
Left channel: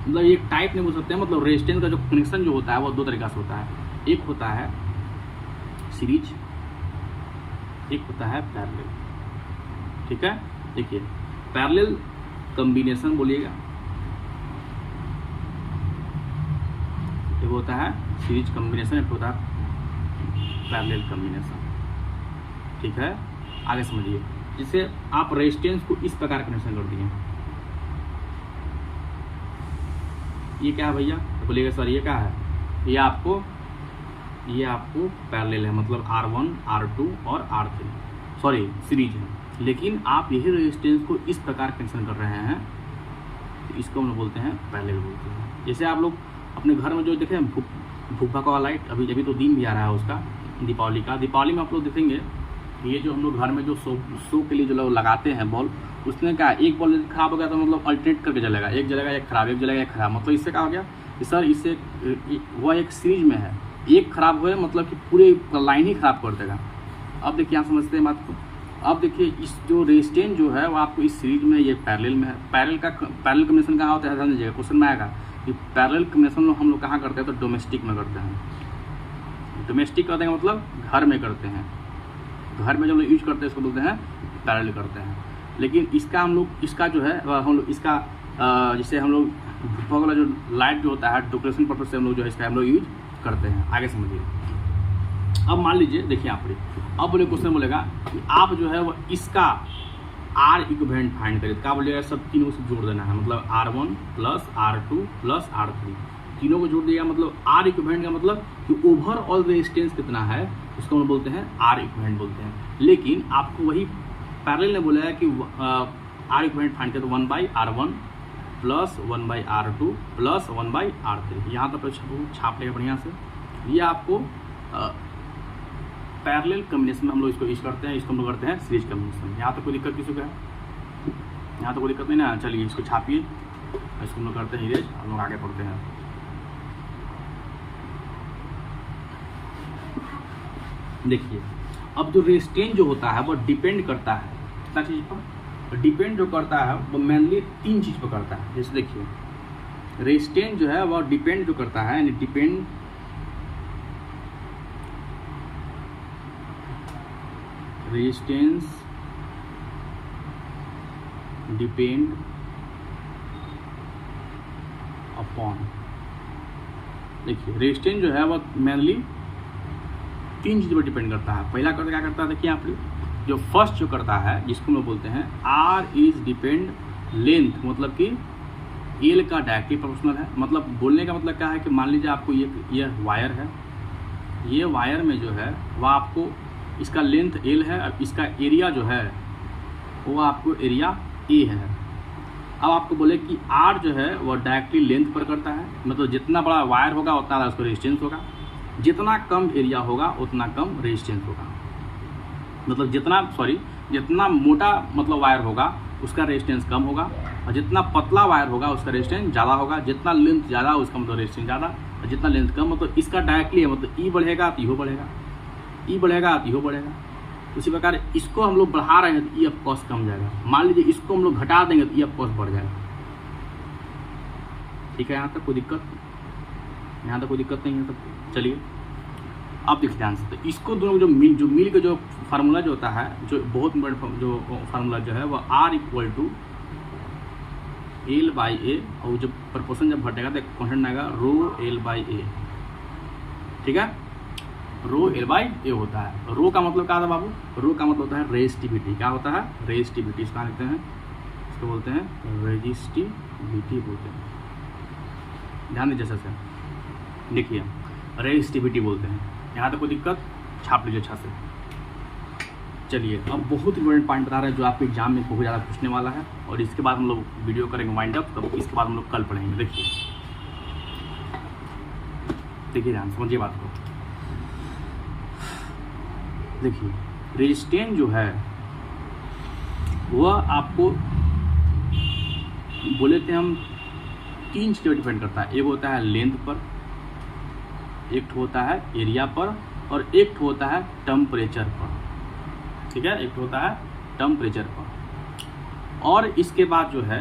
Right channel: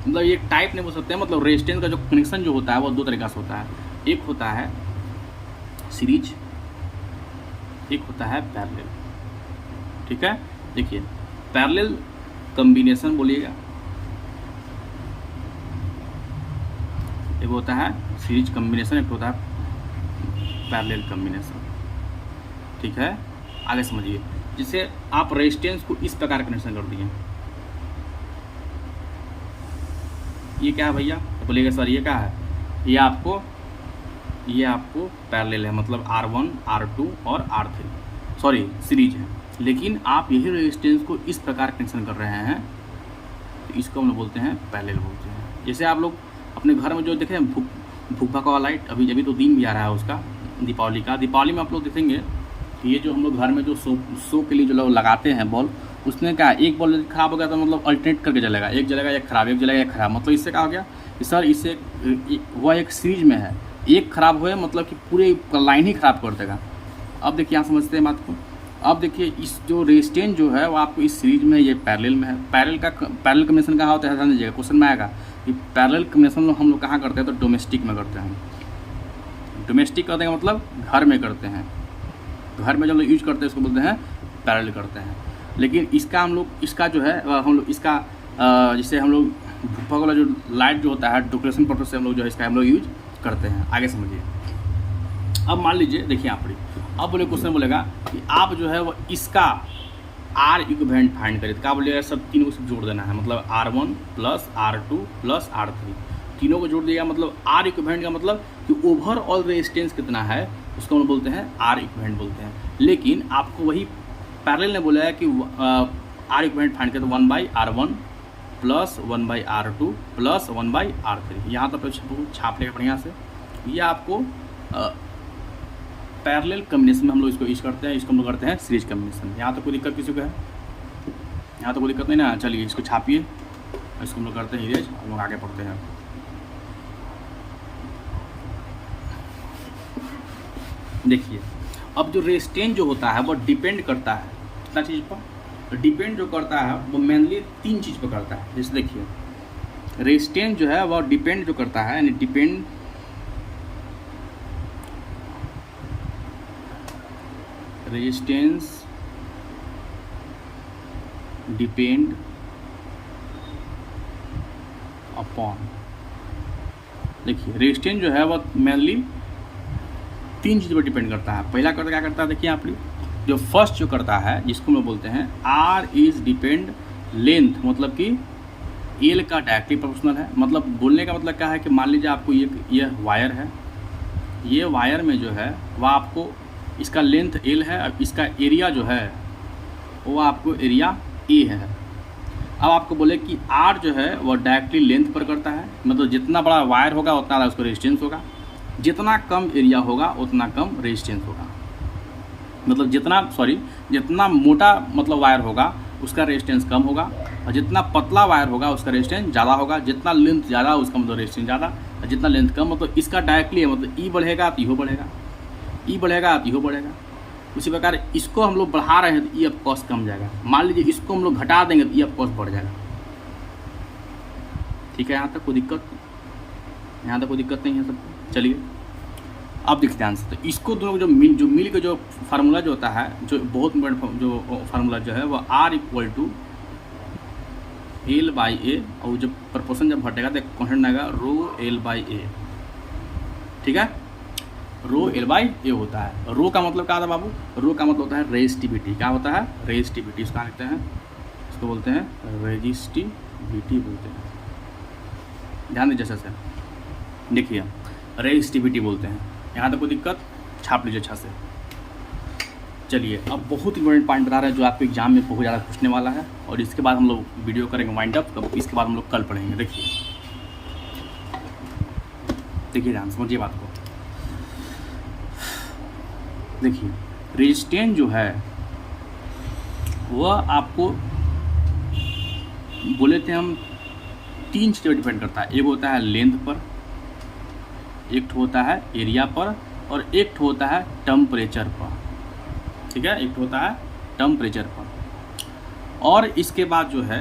मतलब ये टाइप नहीं बोल सकते हैं। मतलब रेजिस्टेंस का जो कनेक्शन जो होता है वो दो तरीका से होता है। एक होता है सीरीज, एक होता है पैरेलल। ठीक है, देखिए पैरेलल कॉम्बिनेशन बोलिएगा, एक होता है सीरीज कॉम्बिनेशन, एक होता है पैरेलल कॉम्बिनेशन। ठीक है, आगे समझिए। जिसे आप रेजिस्टेंस को इस प्रकार कनेक्शन कर दिए, ये क्या है भैया? बोलिएगा सर ये क्या है? ये आपको पैरेलल है, मतलब R1, R2 और R3, सॉरी सीरीज है। लेकिन आप यही रेजिस्टेंस को इस प्रकार कनेक्शन कर रहे हैं तो इसको हम बोलते हैं पैरेलल बोलते हैं। जैसे आप लोग अपने घर में जो देखे भूखा का लाइट, अभी तो दिन भी आ रहा है उसका, दीपावली का। दीपावली में आप लोग देखेंगे ये जो हम लोग घर में जो शो के लिए जो लोग लगाते हैं बॉल, उसने क्या एक बॉल खराब हो गया तो मतलब अल्टरनेट करके जलेगा, एक जलेगा एक खराब, एक जलेगा एक खराब। मतलब इससे क्या हो गया सर? इससे वह एक सीरीज में है, एक खराब हुए मतलब कि पूरे लाइन ही खराब कर देगा। अब देखिए यहाँ समझते हैं बात को। अब देखिए इस जो रेजिस्टेंस जो है वो आपको इस सीरीज में, ये पैरेलल में है। पैरेलल कॉम्बिनेशन कहाँ होता है जान लीजिएगा, क्वेश्चन में आएगा कि पैरेलल कॉम्बिनेशन हम लोग कहाँ करते हैं? तो डोमेस्टिक में करते हैं। डोमेस्टिक करते हैं मतलब घर में करते हैं। घर में जब लोग यूज करते हैं इसको बोलते हैं पैरेलल करते हैं। लेकिन इसका हम लोग इसका जो है हम लोग इसका जिससे हम लोग भूपा वाला जो लाइट जो होता है डेकोरेशन पर्पज से हम लोग जो है इसका हम लोग यूज करते हैं। आगे समझिए। अब मान लीजिए देखिए यहाँ पर अब बोले क्वेश्चन बोलेगा कि आप जो है वो इसका आर इक्विवेलेंट फाइंड करें। क्या बोलिएगा? सब तीनों को सब जोड़ देना है, मतलब R1 plus R2 plus R3 तीनों को जोड़ दिया। मतलब आर इक्विवेलेंट का मतलब कि ओवरऑल रेजिस्टेंस कितना है उसको हम बोलते हैं आर इक्विवेलेंट बोलते हैं। लेकिन आपको वही पैरेलल ने बोला है कि आर इक्विवेलेंट फाइंड करें तो 1/R1 plus 1/R2 plus 1/R3। यहाँ तक छाप लेगा बढ़िया से। ये आपको पैरेलल कॉम्बिनेशन में हम लोग इसको यूज करते हैं। इसको हम लोग करते हैं सीरीज कॉम्बिनेशन। यहाँ तो कोई दिक्कत किसी को है? यहाँ तो कोई दिक्कत नहीं ना। चलिए इसको छापिए, इसको हम लोग करते हैं इरेज, हम लोग आगे पढ़ते हैं। देखिए अब जो रेजिस्टेंस जो होता है वो डिपेंड करता है कितना चीज़ पर? डिपेंड जो करता है वो मेनली तीन चीज़ पर करता है। जैसे देखिए रेजिस्टेंस जो है वो डिपेंड जो करता है, यानी डिपेंड रेजिस्टेंस डिपेंड अपॉन, देखिए रेजिस्टेंस जो है वो मेनली तीन चीज़ पर डिपेंड करता है। पहला करता क्या करता है? देखिए आप जो फर्स्ट जो करता है जिसको हम बोलते हैं आर इज डिपेंड लेंथ, मतलब कि एल का डायरेक्टली प्रोपोर्शनल है। मतलब बोलने का मतलब क्या है कि मान लीजिए आपको ये वायर है ये वायर में जो है वह आपको इसका लेंथ L है, अब इसका एरिया जो है वो आपको एरिया E है। अब आपको बोले कि R जो है वो डायरेक्टली लेंथ पर करता है, मतलब जितना बड़ा वायर होगा उतना ज़्यादा उसका रेजिस्टेंस होगा, जितना कम एरिया होगा उतना कम रेजिस्टेंस होगा। मतलब जितना मोटा मतलब वायर होगा उसका रेजिस्टेंस कम होगा, और जितना पतला वायर होगा उसका रेजिस्टेंस ज़्यादा होगा। जितना लेंथ ज़्यादा उसका मतलब रेजिस्टेंस ज़्यादा, और जितना लेंथ कम मतलब इसका डायरेक्टली है, मतलब ई बढ़ेगा तो इहो बढ़ेगा, ई बढ़ेगा तो इहो बढ़ेगा। उसी प्रकार इसको हम लोग बढ़ा रहे हैं तो ई ऑफ कॉस्ट कम जाएगा। मान लीजिए इसको हम लोग घटा देंगे तो ई ऑफ कॉस्ट बढ़ जाएगा। ठीक है, यहाँ तक कोई दिक्कत नहीं है सब। चलिए अब देखते ध्यान से, तो इसको दोनों जो मिल का जो फार्मूला जो होता है, जो बहुत इंपॉर्टेंट जो फार्मूला जो है वो R = L/A, और जब प्रपोर्शन जब घटेगा तो कॉन्स्टेंट आएगा ρL/A। ठीक है, ρL/A होता है। रो का मतलब क्या होता है बाबू? रो का मतलब होता है रेजिस्टिविटी। क्या होता है? रेजिस्टिविटी। इसका लिखते हैं, इसको बोलते हैं रेजिस्टिविटी बोलते हैं। ध्यान दीजिए जैसे देखिए, रेजिस्टिविटी बोलते हैं। यहाँ तक कोई दिक्कत? छाप लीजिए अच्छा से। चलिए अब बहुत इंपॉर्टेंट पॉइंट बता रहा है जो आपके एग्जाम में बहुत ज़्यादा पूछने वाला है, और इसके बाद हम लोग वीडियो करेंगे वाइंड अप, तो इसके बाद हम लोग कल पढ़ेंगे। देखिए ध्यान समझिए बात को। देखिए रेजिस्टेंस जो है वह आपको बोले थे हम 3 चीज़ों पर डिपेंड करता है। एक होता है लेंथ पर, एक होता है एरिया पर, और एक होता है टेम्परेचर पर। ठीक है, एक होता है टेम्परेचर पर। और इसके बाद जो है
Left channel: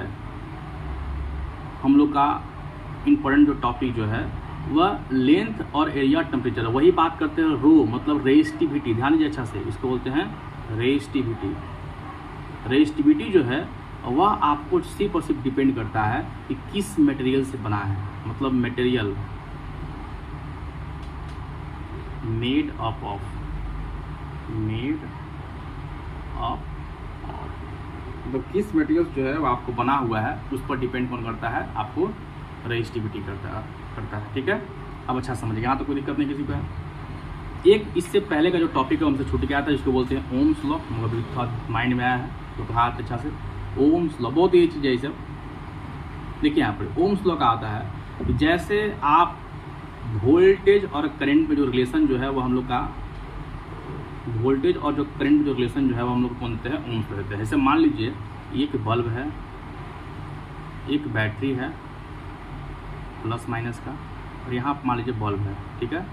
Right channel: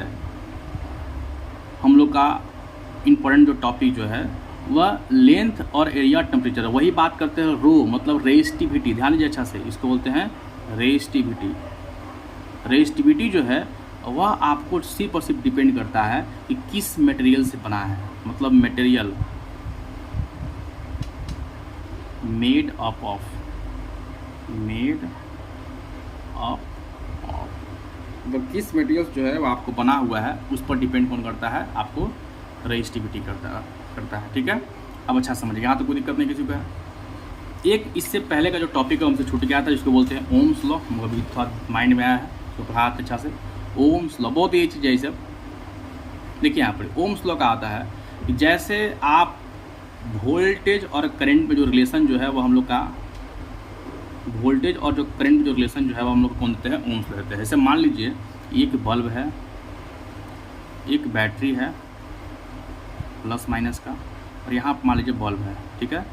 हम लोग का इम्पोर्टेंट जो टॉपिक जो है वह लेंथ और एरिया टेम्परेचर। वही बात करते हैं रो मतलब रेजिस्टिविटी। ध्यान दीजिए अच्छा से, इसको बोलते हैं रेजिस्टिविटी। रेजिस्टिविटी जो है वह आपको सिर्फ और सिर्फ डिपेंड करता है कि किस मटेरियल से बना है। मतलब मटेरियल मेड ऑफ मतलब किस मटेरियल जो है वो आपको बना हुआ है उस पर डिपेंड कौन करता है? आपको रेजिस्टिविटी करता है। ठीक है, अब अच्छा समझिए, यहाँ तो कोई दिक्कत नहीं किसी को है। एक इससे पहले का जो टॉपिक है हमसे छूट गया था, जिसको बोलते हैं ओम्स लॉ। अभी थोड़ा माइंड में आया है तो पढ़ा अच्छा से। ओम्स लॉ बहुत ही चीज़ है। सब देखिए यहाँ पर ओम्स लॉ का आता है कि जैसे आप वोल्टेज और करंट में जो रिलेशन जो है वो हम लोग का वोल्टेज और जो करंट में जो रिलेशन जो है वो हम लोग कौन देते हैं? ओम्स देते हैं। जैसे मान लीजिए एक बल्ब है, एक बैटरी है प्लस माइनस का, और यहाँ मान लीजिए बल्ब है। ठीक है,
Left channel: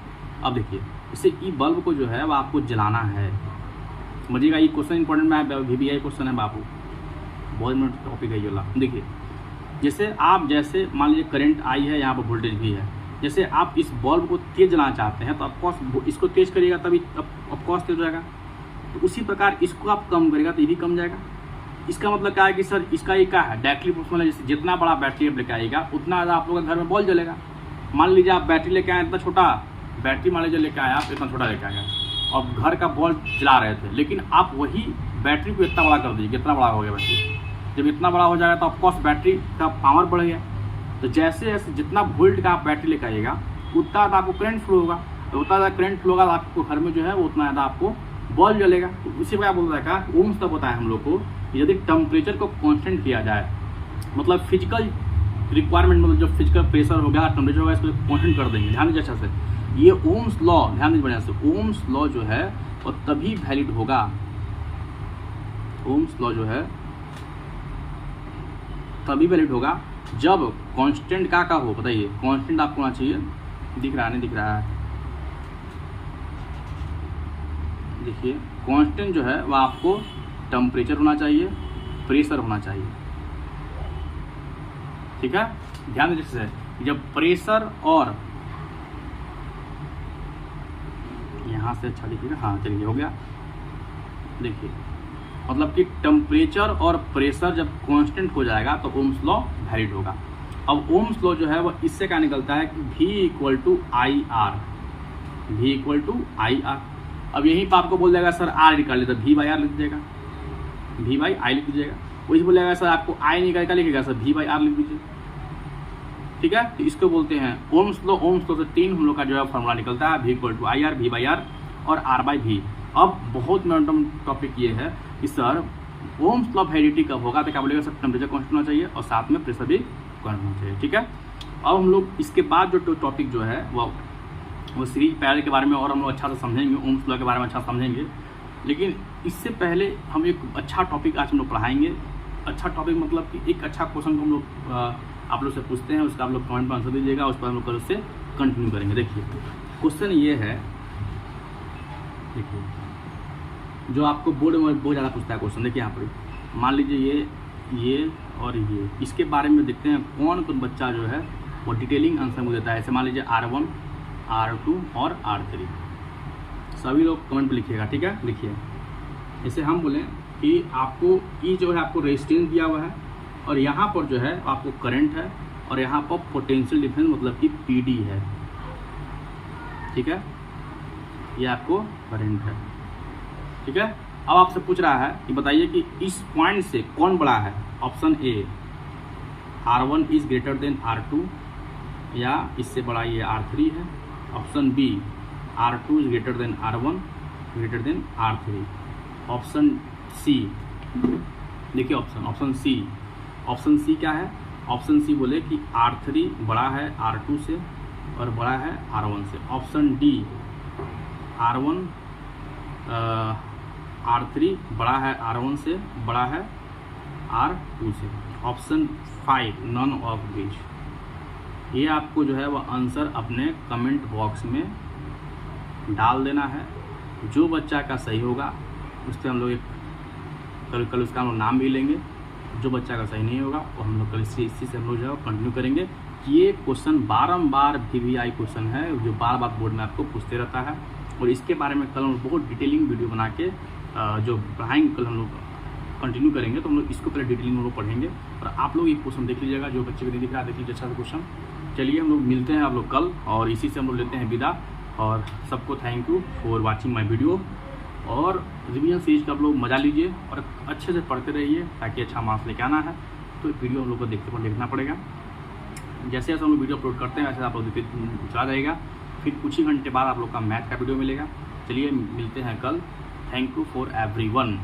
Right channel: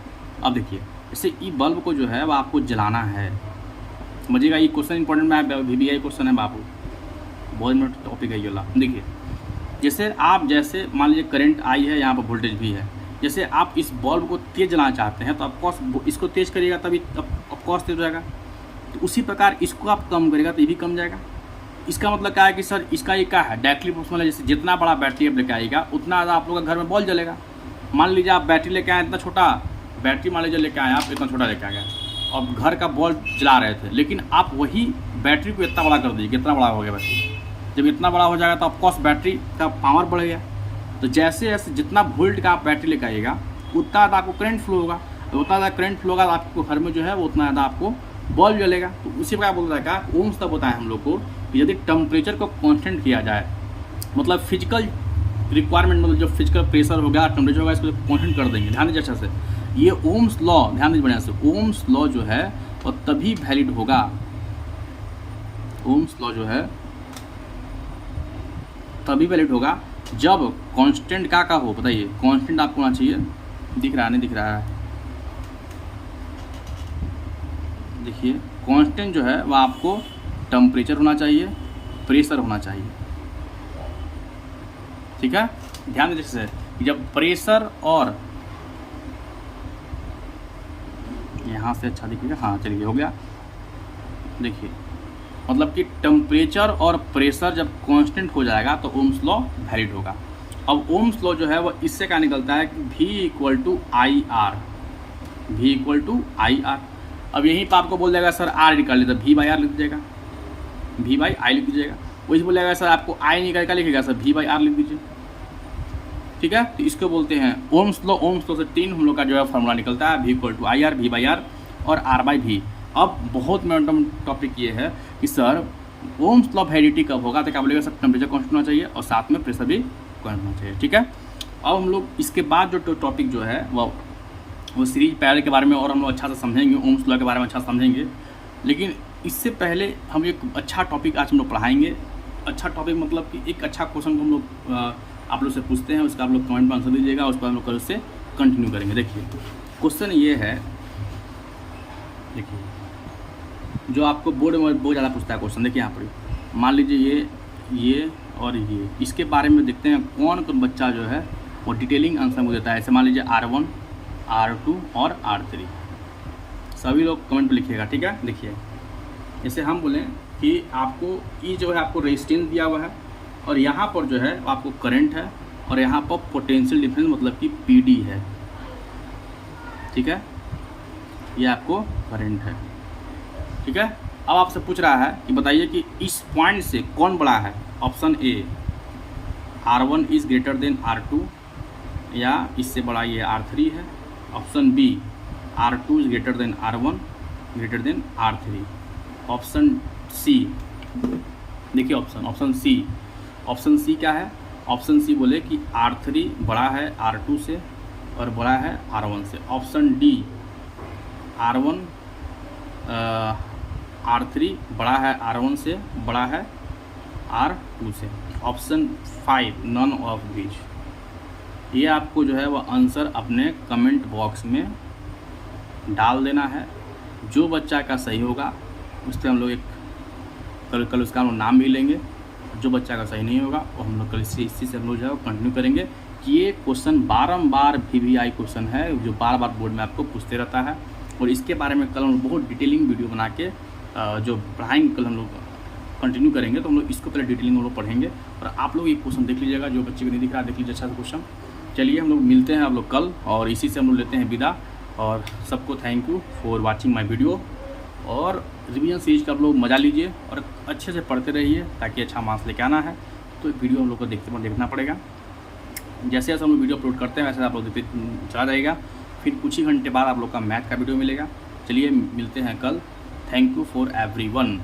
अब देखिए जैसे ये बल्ब को जो है वो आपको जलाना है। समझिएगा, ये क्वेश्चन इंपॉर्टेंट में VBI क्वेश्चन है बाबू, बहुत इंपॉर्टेंट टॉपिक है ये वाला। देखिए जैसे मान लीजिए करंट आई है, यहाँ पर वोल्टेज भी है। जैसे आप इस बल्ब को तेज जलाना चाहते हैं तो ऑफकोर्स इसको तेज करिएगा तभी ऑफकोर्स तेज हो जाएगा। तो उसी प्रकार इसको आप कम करेगा तो ये भी कम जाएगा। इसका मतलब क्या है कि सर इसका ये क्या है? डायरेक्टली प्रोपोर्शनल है। जैसे जितना बड़ा बैटरी आप लेके आएगा उतना ज़्यादा आप लोग का घर में बॉल जलेगा। मान लीजिए आप बैटरी लेके आए इतना छोटा बैटरी, मान लीजिए लेके आए आप इतना छोटा लेके आए और घर का बॉल जला रहे थे, लेकिन आप वही बैटरी को इतना बड़ा कर दीजिए। कितना बड़ा हो गया बैटरी? जब इतना बड़ा हो जाएगा तो ऑफकोर्स बैटरी का पावर बढ़ेगा। तो जैसे जैसे जितना वोल्ट का आप बैटरी लेकर आइएगा उतना ज़्यादा आपको करंट फ्लो होगा, तो उतना ज़्यादा करंट फ्लो होगा तो आपको घर में जो है वो उतना ज़्यादा आपको बल्ब जलेगा। तो उसी पर बोल रहा है ओम्स तब होता है हम लोग को कि यदि टेम्परेचर को कांस्टेंट किया जाए, मतलब फिजिकल रिक्वायरमेंट, मतलब जो फिजिकल प्रेशर हो गया टेम्परेचर होगा, इसको कांस्टेंट कर देंगे। ध्यान दीजिए अच्छा से, ये ओम्स लॉ ध्यान दीजिए बढ़िया से। ओम्स लॉ जो है वो तभी वैलिड होगा, ओम्स लॉ जो है तभी वैलिड होगा जब कांस्टेंट का हो। बताइए कांस्टेंट आपको होना चाहिए, दिख रहा है नहीं दिख रहा है? देखिए कांस्टेंट जो है वह आपको टेम्परेचर होना चाहिए, प्रेशर होना चाहिए। ठीक है, ध्यान दीजिए कि जब प्रेशर और यहाँ से अच्छा दिखेगा, हाँ चलिए हो गया। देखिए मतलब कि टेम्परेचर और प्रेशर जब कांस्टेंट हो जाएगा तो ओम्स लॉ वैलिड होगा। अब ओम्स लॉ जो है वो इससे क्या निकलता है कि V = IR, V = IR। अब यहीं पर आपको बोल देगा सर R निकाल लेता, V/R लिख दीजिएगा, V/I लिख दीजिएगा। वही बोलेगा सर आपको I निकाल का लिखेगा सर V/R लिख दीजिए। ठीक है। तो इसको बोलते हैं ओम्स लॉ। ओम्स लॉ से 3 हम लोग का जो है फॉर्मूला निकलता है, V=IR, V/R और R/V। अब बहुत इंपॉर्टेंट टॉपिक ये है कि sir Ohm's law of heredity कब होगा, तो क्या बोलेगा सर टेम्परेचर कांस्टेंट होना चाहिए और साथ में प्रेशर भी कांस्टेंट होना चाहिए, ठीक है। अब हम लोग इसके बाद जो टॉपिक जो है वो सीरीज पैरल के बारे में और हम लोग अच्छा से समझेंगे, ओम्स लॉ के बारे में अच्छा समझेंगे। लेकिन इससे पहले हम एक अच्छा टॉपिक आज हम लोग पढ़ाएंगे। अच्छा टॉपिक मतलब कि एक अच्छा क्वेश्चन को हम लोग आप लोग से पूछते हैं, उसका आप लोग कमेंट में आंसर दीजिएगा, उस पर हम लोग कल से कंटिन्यू करेंगे। देखिए क्वेश्चन ये है, देखिए जो आपको बोर्ड में बहुत ज़्यादा पूछता है क्वेश्चन। देखिए यहाँ पर मान लीजिए ये और ये, इसके बारे में देखते हैं कौन कौन बच्चा जो है वो डिटेलिंग आंसर मुझे देता है। ऐसे मान लीजिए R1, R2 और R3, सभी लोग कमेंट पे लिखिएगा, ठीक है। देखिए जैसे हम बोलें कि आपको ये जो है आपको रेजिस्टेंस दिया हुआ है और यहाँ पर जो है आपको करंट है और यहाँ पर पोटेंशियल डिफरेंस मतलब कि PD है, ठीक है। ये आपको करंट है, ठीक है। अब आपसे पूछ रहा है कि बताइए कि इस पॉइंट से कौन बड़ा है। Option A R1 is greater than R2 या इससे बड़ा ये R3 है। Option B R2 is greater than R1 greater than R3। Option C, देखिए ऑप्शन सी क्या है। ऑप्शन सी बोले कि R3 बड़ा है R2 से और बड़ा है R1 से। ऑप्शन डी R3 बड़ा है R1 से, बड़ा है R2 से। Option 5 none of this. ये आपको जो है वो आंसर अपने कमेंट बॉक्स में डाल देना है। जो बच्चा का सही होगा उस पर हम लोग एक कल उसका हम लोग नाम भी लेंगे। जो बच्चा का सही नहीं होगा वो हम लोग कल इसी से हम लोग जो है कंटिन्यू करेंगे कि ये क्वेश्चन बारंबार VVI क्वेश्चन है जो बार बार बोर्ड में आपको पूछते रहता है। और इसके बारे में कल हम लोग बहुत डिटेलिंग वीडियो बना के जो पढ़ाएंगे, कल हम लोग कंटिन्यू करेंगे। तो हम लोग इसको पहले डिटेलिंग हम लोग पढ़ेंगे और आप लोग ये क्वेश्चन देख लीजिएगा। जो बच्चे को नहीं दिख रहा है देख लीजिए अच्छा सा क्वेश्चन। चलिए हम लोग मिलते हैं आप लोग कल और इसी से हम लोग लेते हैं विदा। और सबको thank you for watching my video. और रिवीजन सीरीज का आप लोग मज़ा लीजिए और अच्छे से पढ़ते रहिए ताकि अच्छा मार्क्स लेके आना है। तो वीडियो हम लोग को देखना पड़ेगा। जैसे जैसे हम लोग वीडियो अपलोड करते हैं वैसे आप लोग देखते चला जाएगा। फिर कुछ ही घंटे बाद आप लोग का मैथ का वीडियो मिलेगा। चलिए मिलते हैं कल। Thank you for everyone.